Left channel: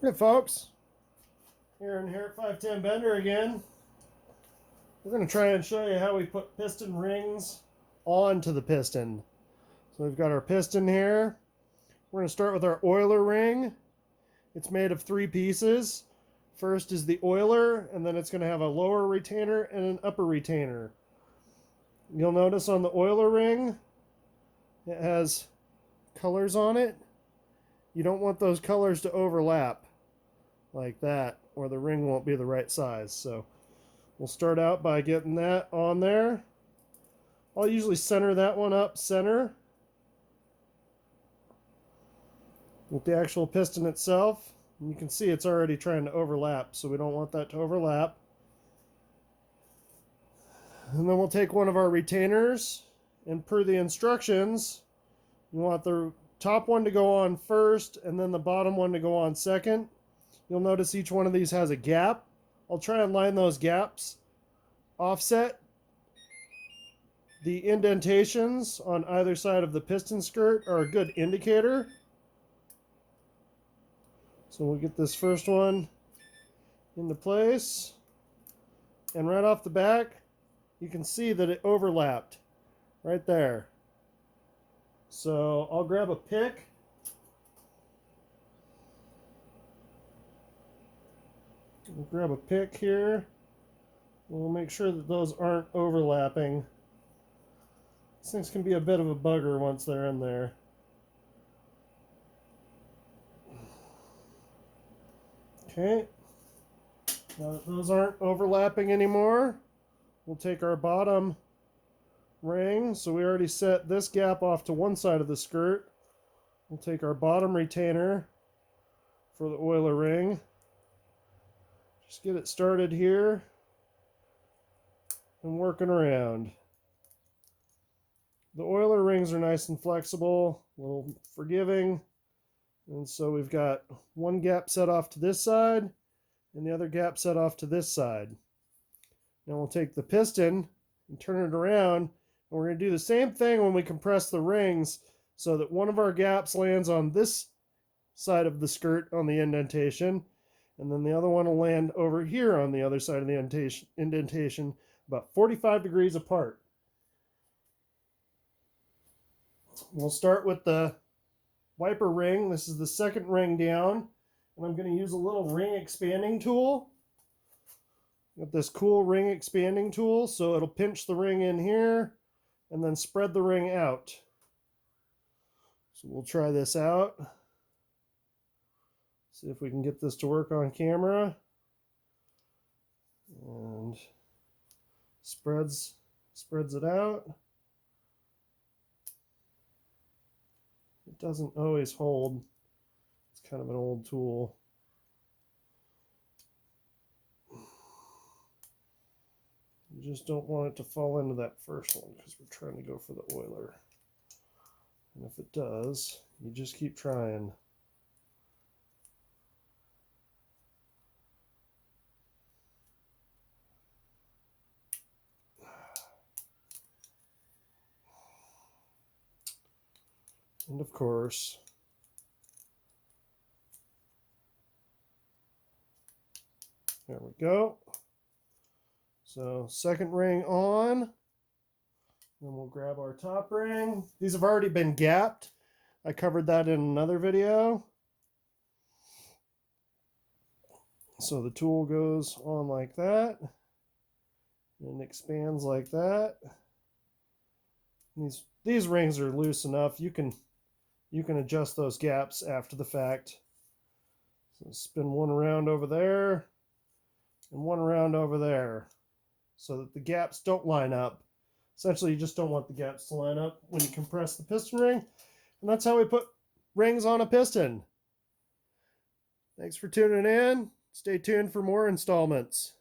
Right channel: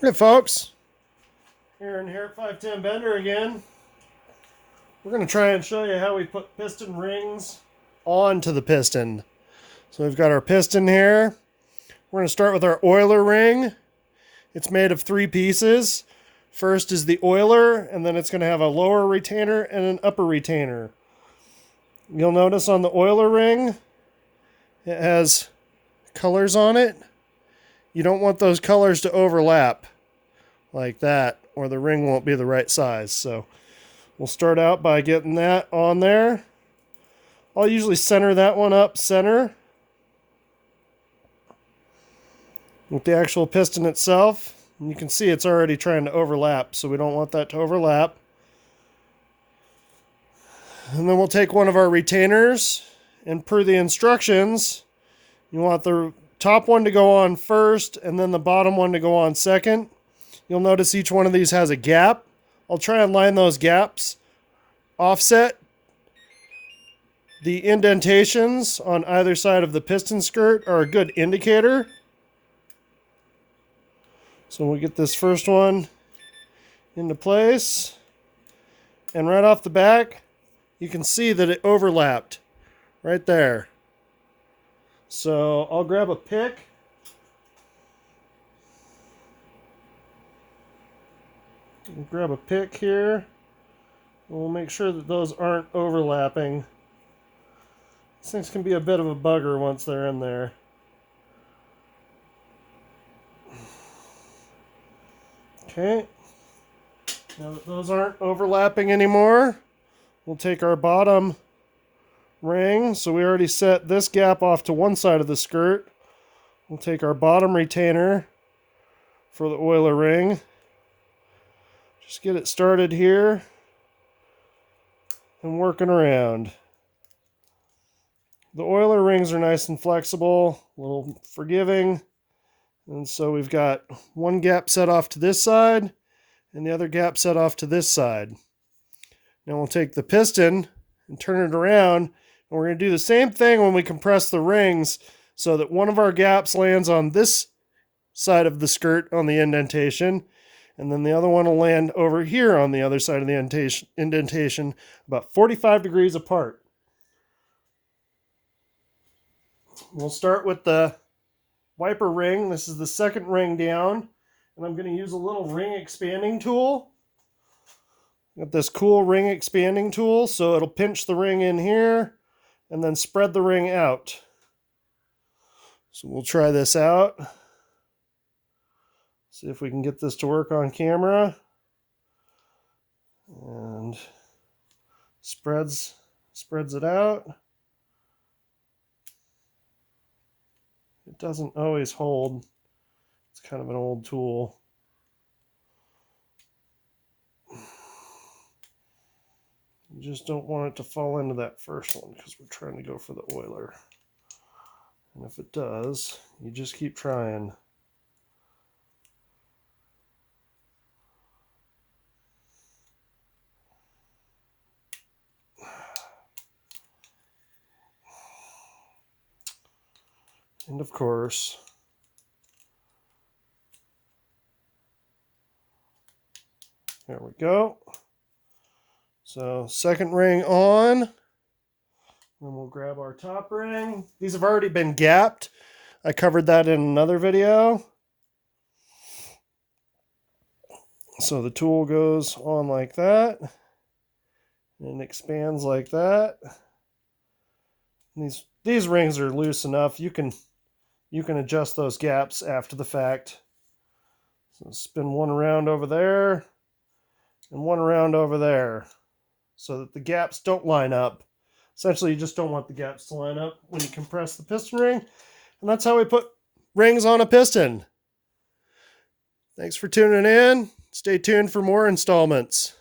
Hey folks, Aaron here at 510 Bender again. We're going to try and show you how we put piston rings onto the piston. So we've got our piston here. We're going to start with our oiler ring. It's made of 3 pieces. First is the oiler, and then it's going to have a lower retainer and an upper retainer. You'll notice on the oiler ring, it has colors on it. You don't want those colors to overlap like that, or the ring won't be the right size. So we'll start out by getting that on there. I'll usually center that one up center with the actual piston itself. And you can see it's already trying to overlap, so we don't want that to overlap. And then we'll take one of our retainers, and per the instructions, you want the top one to go on first and then the bottom one to go on second. You'll notice each one of these has a gap. I'll try and line those gaps offset. The indentations on either side of the piston skirt are a good indicator. So we'll get this first one into place. And right off the back, you can see that it overlapped right there. So I'll grab a pick. We'll grab a pick here. We'll make sure that those aren't overlapping. These things can be a bit of a bugger once they're in there. Okay. Now that those aren't overlapping anymore, we'll take our bottom ring. So we already set this gap off to one side of the skirt. We'll take our bottom retainer for the oiler ring. Just get it started here and working around. The oiler rings are nice and flexible, a little forgiving. And so we've got one gap set off to this side and the other gap set off to this side. Now we'll take the piston and turn it around. And we're going to do the same thing when we compress the rings so that one of our gaps lands on this side of the skirt on the indentation, and then the other one will land over here on the other side of the indentation, about 45 degrees apart. We'll start with the wiper ring. This is the second ring down, and I'm going to use a little ring expanding tool. Got this cool ring expanding tool, so it'll pinch the ring in here and then spread the ring out. So we'll try this out. See if we can get this to work on camera. And spreads it out. It doesn't always hold. It's kind of an old tool. You just don't want it to fall into that first one because we're trying to go for the oiler. And if it does, you just keep trying. And of course, there we go. So second ring on, and we'll grab our top ring. These have already been gapped. I covered that in another video. So the tool goes on like that and expands like that. These rings are loose enough. You can adjust those gaps after the fact. So spin one around over there and one around over there, so that the gaps don't line up. Essentially, you just don't want the gaps to line up when you compress the piston ring. And that's how we put rings on a piston. Thanks for tuning in. Stay tuned for more installments.